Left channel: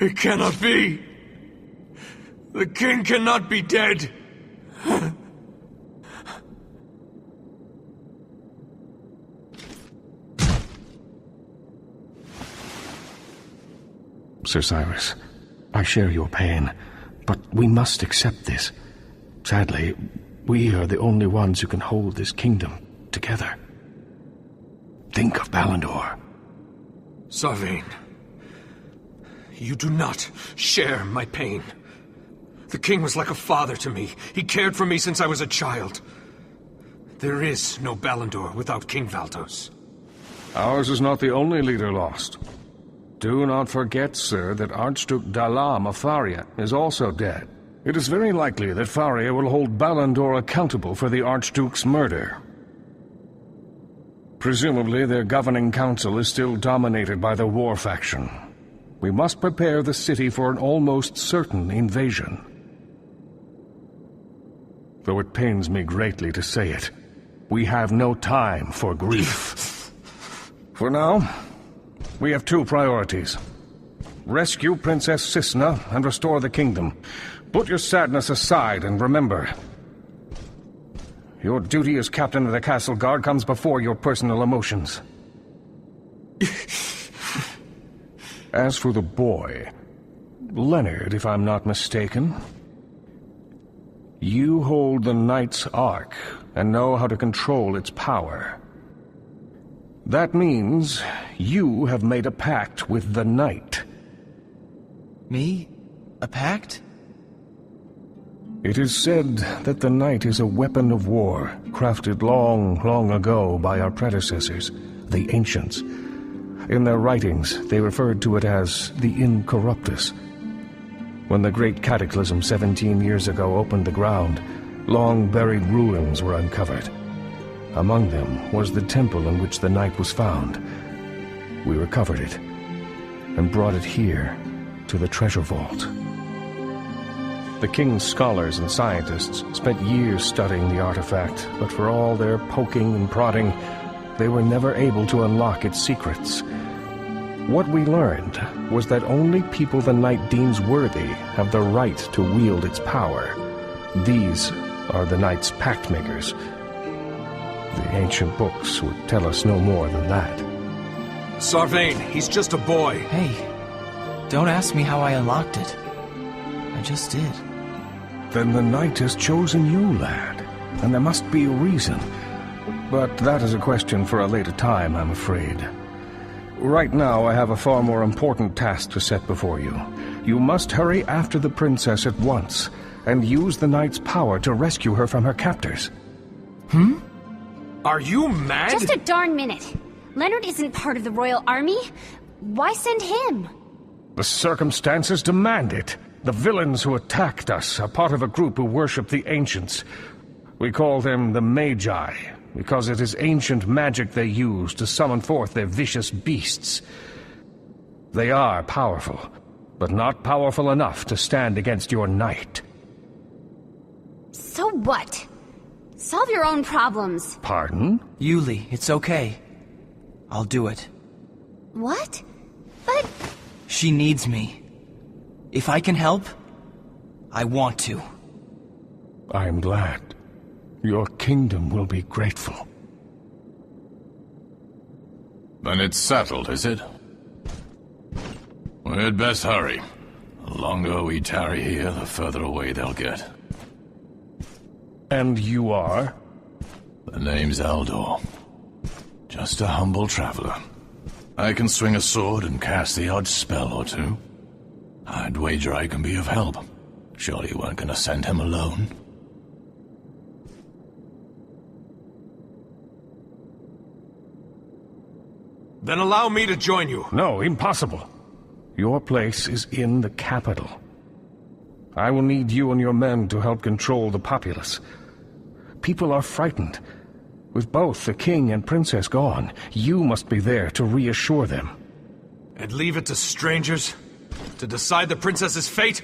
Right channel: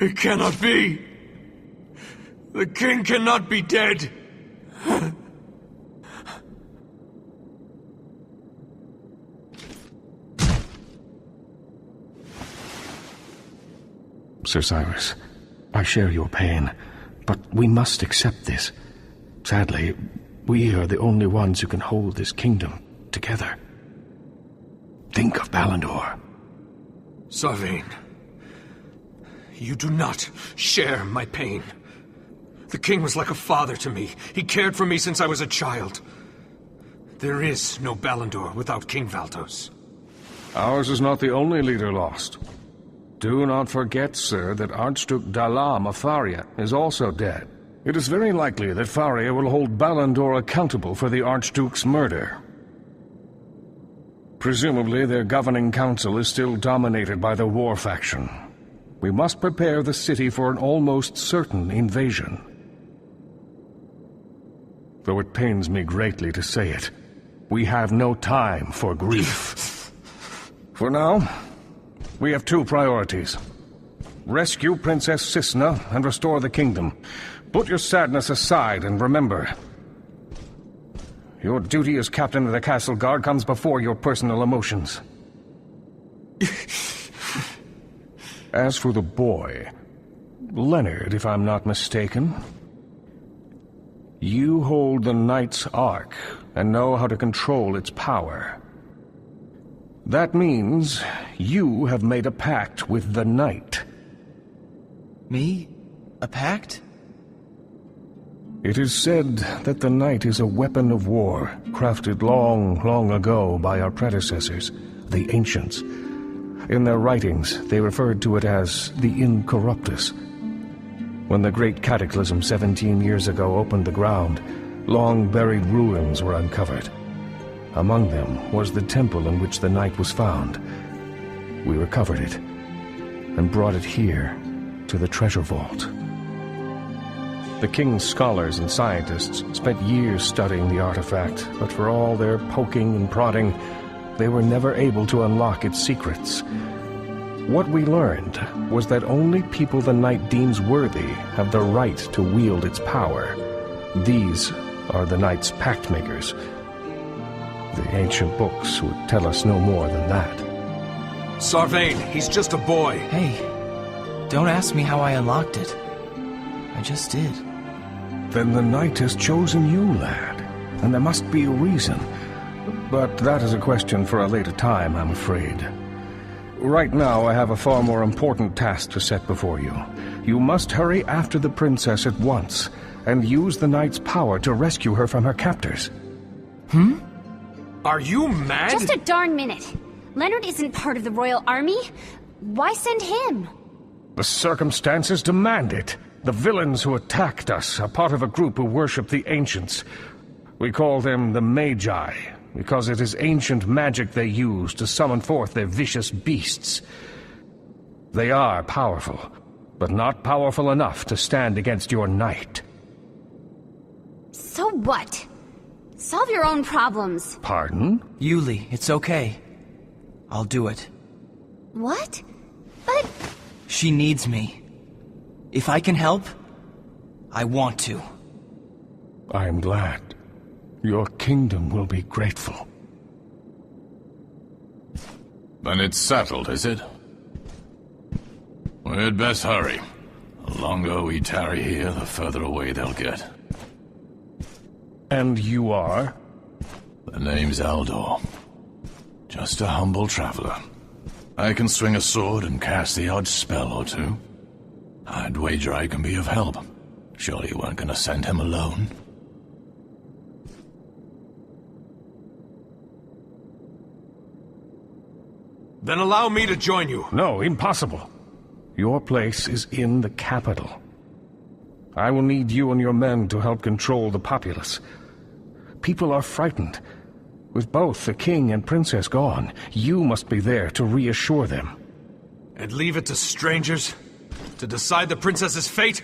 It cannot be! The king cannot be dead! Sir Cyrus, I share your pain, but we must accept this. Sadly, we are the only ones who can hold this kingdom together. Think of Ballandor. Sarvain, you do not share my pain. The king was like a father to me. He cared for me since I was a child. There is no Ballandor without King Valtos. Ours is not the only leader lost. Do not forget, sir, that Archduke Dalam of Faria is also dead. It is very likely that Faria will hold Ballandor accountable for the Archduke's murder. Presumably, their governing council is still dominated by the war faction. We must prepare the city for an almost certain invasion. Though it pains me greatly to say it, we have no time for grief. For now, we have two priorities. Rescue Princess Cisna and restore the kingdom. Put your sadness aside and remember, your duty as captain of the castle guard comes before your personal emotions. As for the boy, Leonard, if I'm not mistaken, you hold the Knight's Ark and know how to control its power. That means you have made a pact with the Knight. Me? A pact? It is said that the Knight is a weapon of war, crafted long, long ago by our predecessors, the Ancients. In their writings, they referred to it as the Incorruptus. When the Great Cataclysm 17 years ago opened the ground, long-buried ruins were uncovered. Among them was the temple in which the Knight was found. We recovered it and brought it here to the treasure vault. The king's scholars and scientists spent years studying the artifact, but for all their poking and prodding, they were never able to unlock its secrets. What we learned was that only people the Knight deems worthy have the right to wield its power. These are the Knight's pact makers. The ancient books would tell us no more than that. Sarvain, he's just a boy. Hey, don't ask me how I unlocked it. I just did. Then the Knight has chosen you, lad, and there must be a reason. But that is a question for a later time, I'm afraid. Right now, I have a far more important task to set before you. You must hurry after the princess at once, and use the Knight's power to rescue her from her captors. Are you mad? Just a darn minute. Leonard isn't part of the royal army. Why send him? The circumstances demand it. The villains who attacked us are part of a group who worship the Ancients. We call them the Magi, because it is ancient magic they use to summon forth their vicious beasts. They are powerful, but not powerful enough to stand against your Knight. So what? Solve your own problems. Pardon? Yuli, it's okay. I'll do it. What? But... She needs me. If I can help, I want to. I'm glad. Your kingdom will be grateful. Then it's settled, is it? We'd best hurry. The longer we tarry here, the further away they'll get. And you are? The name's Aldor. Just a humble traveler. I can swing a sword and cast the odd spell or two. I'd wager I can be of help. Surely you weren't going to send him alone. Then allow me to join you. No, impossible. Your place is in the capital. I will need you and your men to help control the populace. People are frightened. With both the king and princess gone, you must be there to reassure them. And leave it to strangers to decide the princess's fate?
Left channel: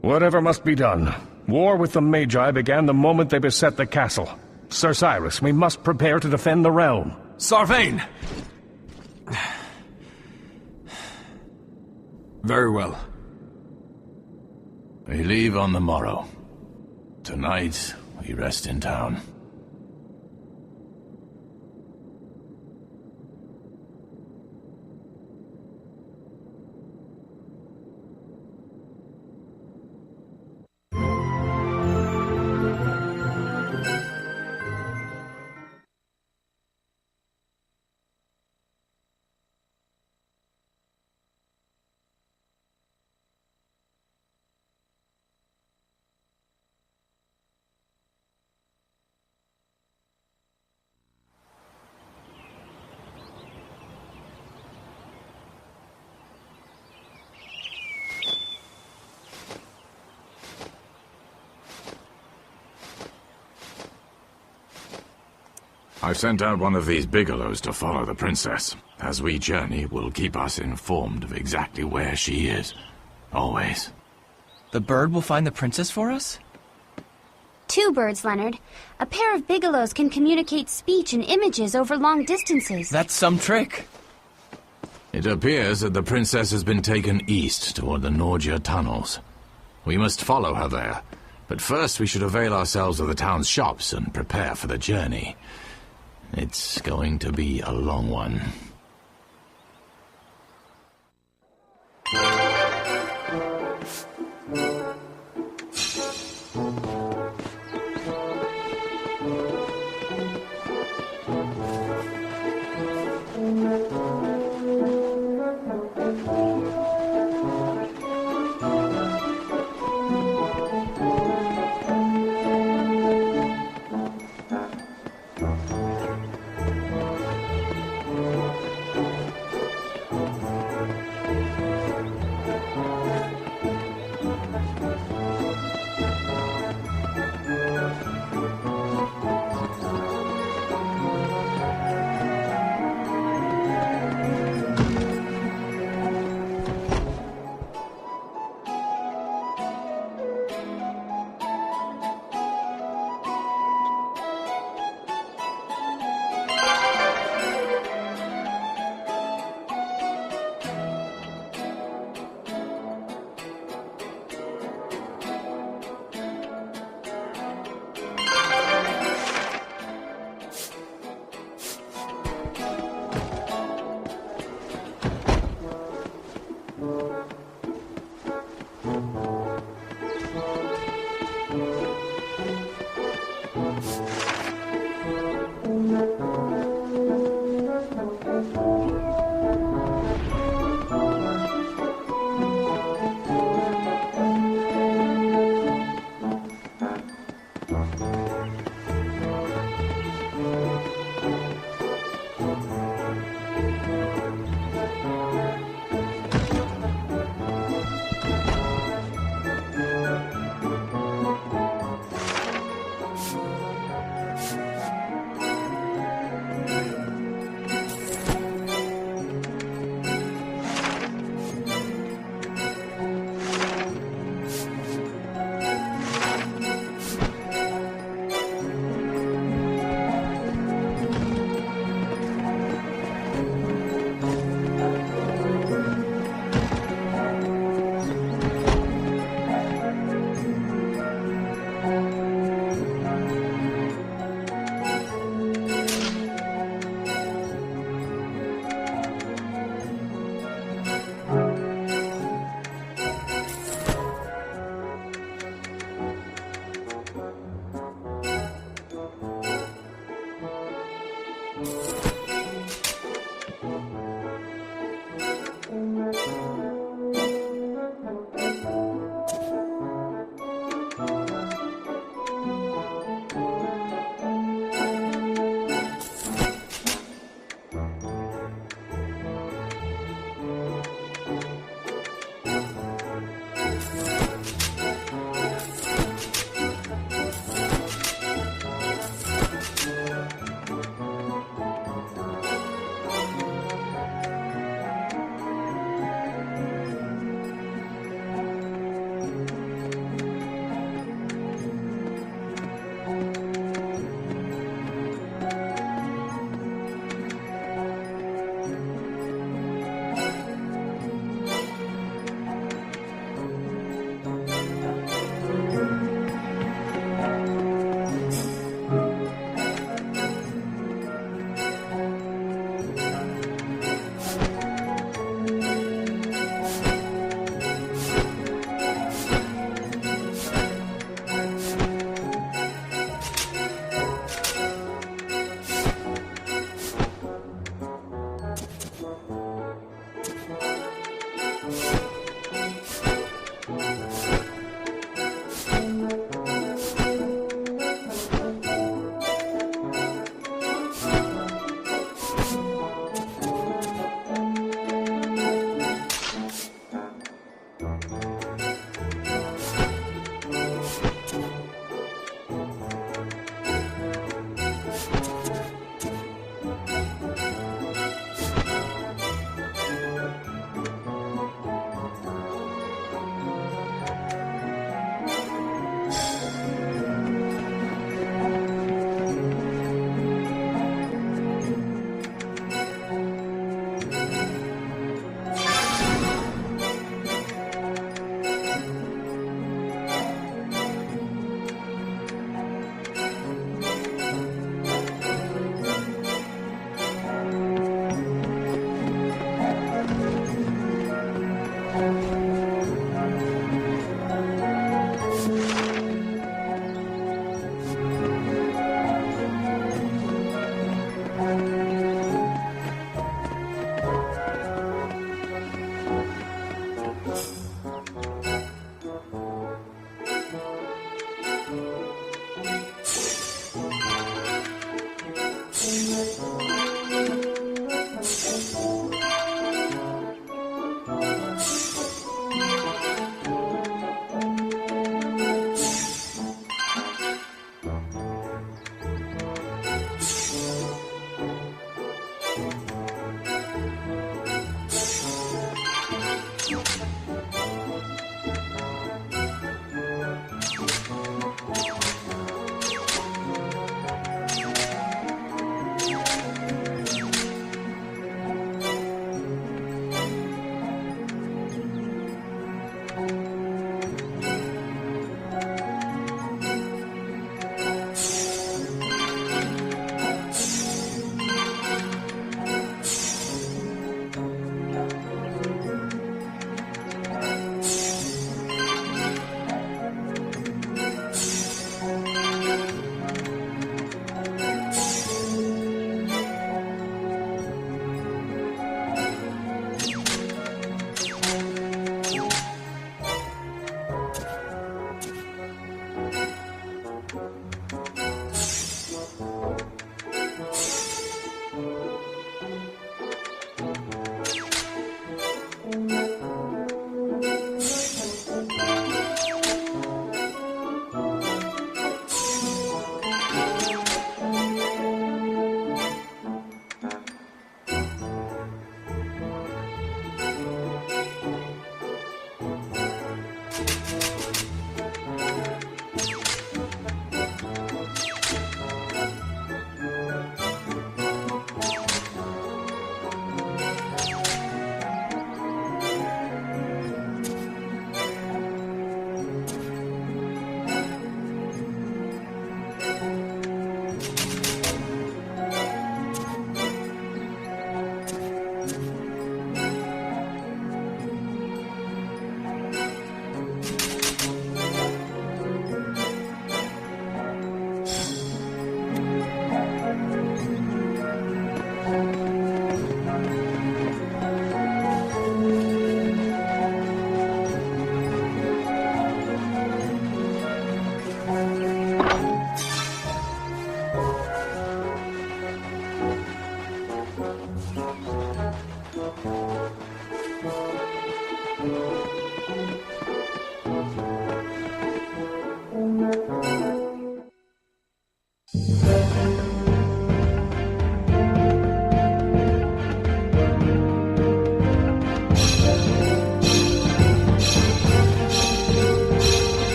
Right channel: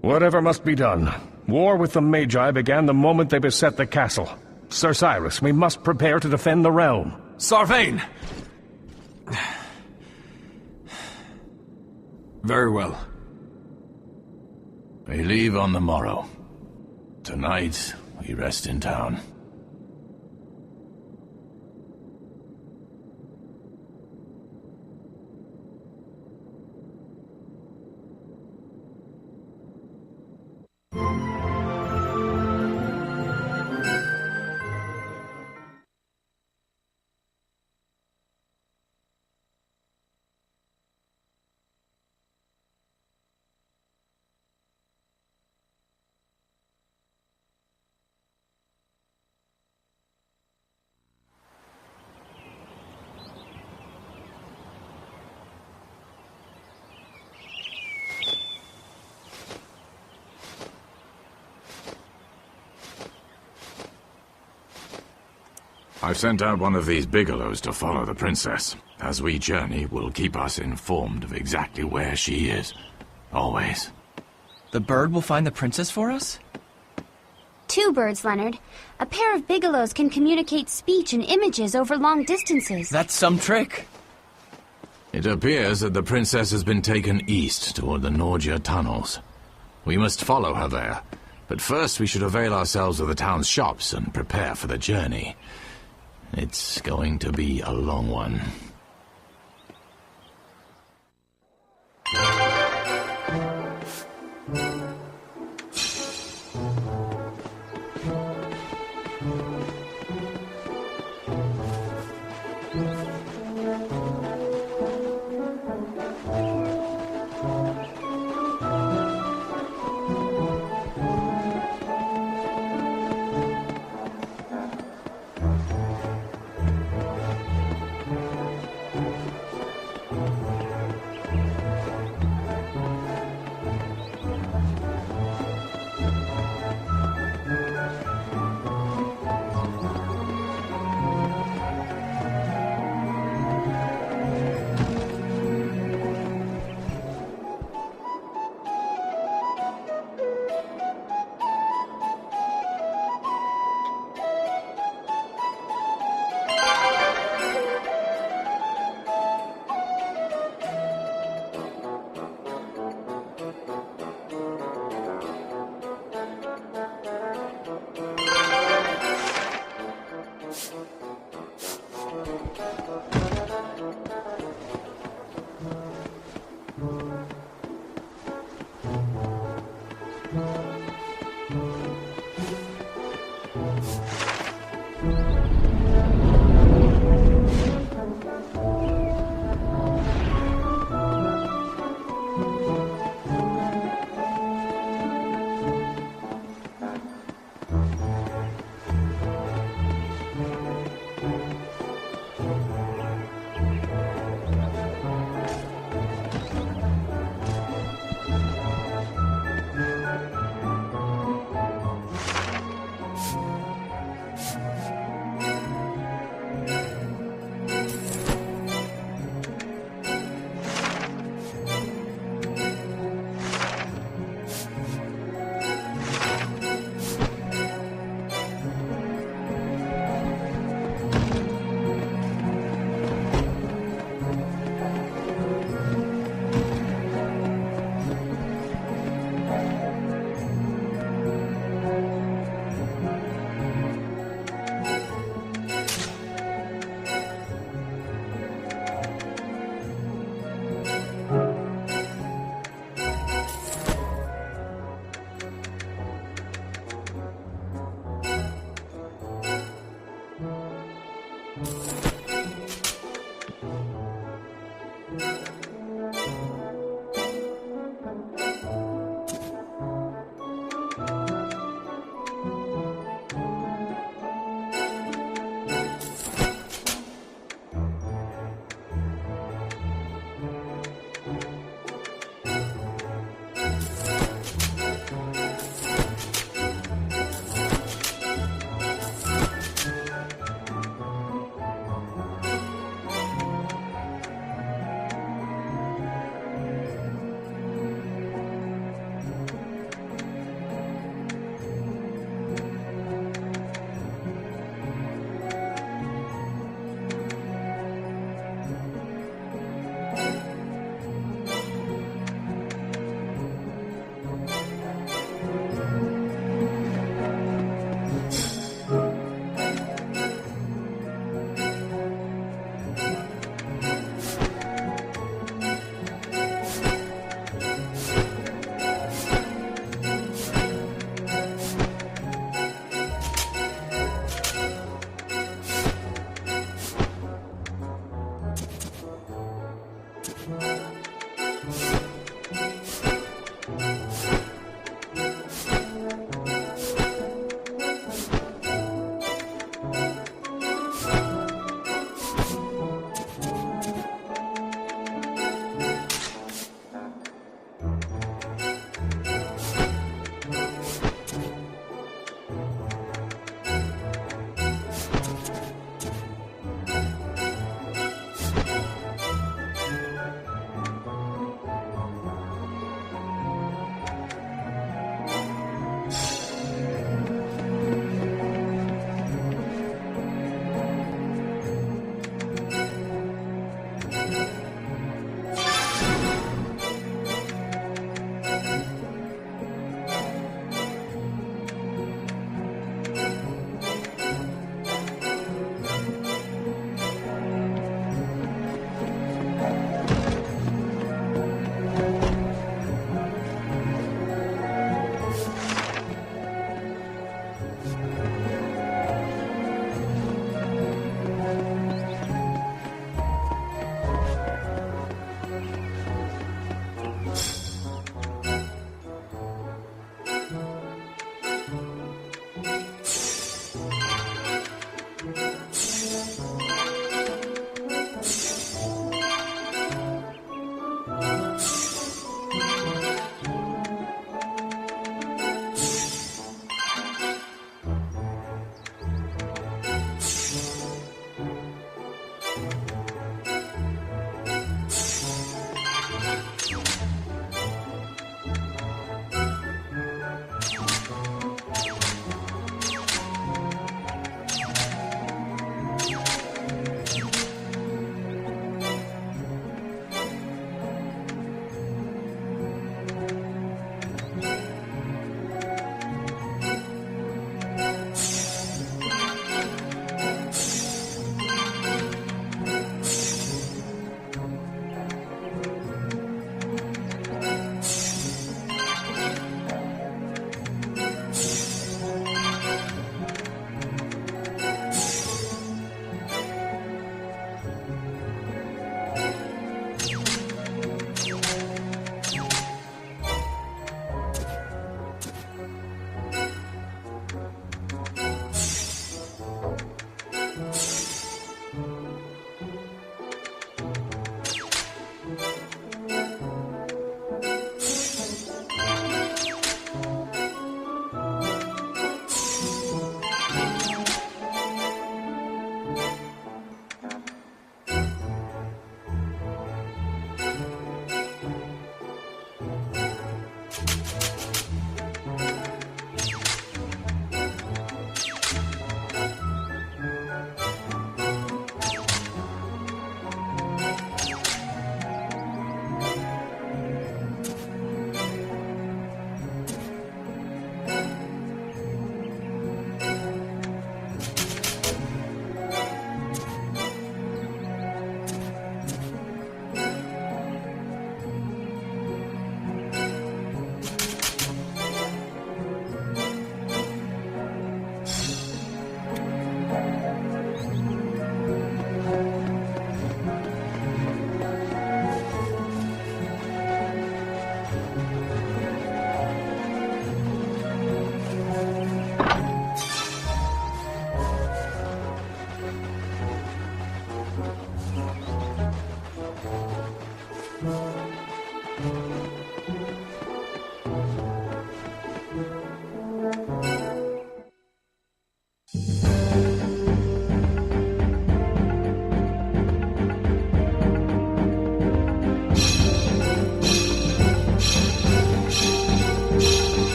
Whatever must be done. War with the Magi began the moment they beset the castle. Sir Cyrus, we must prepare to defend the realm. Sarvain! Very well. We leave on the morrow. Tonight, we rest in town. I've sent out one of these bigelows to follow the princess. As we journey, will keep us informed of exactly where she is. Always. The bird will find the princess for us? 2 birds, Leonard. A pair of bigelows can communicate speech and images over long distances. That's some trick. It appears that the princess has been taken east toward the Norgia tunnels. We must follow her there. But first we should avail ourselves of the town's shops and prepare for the journey. It's going to be a long one.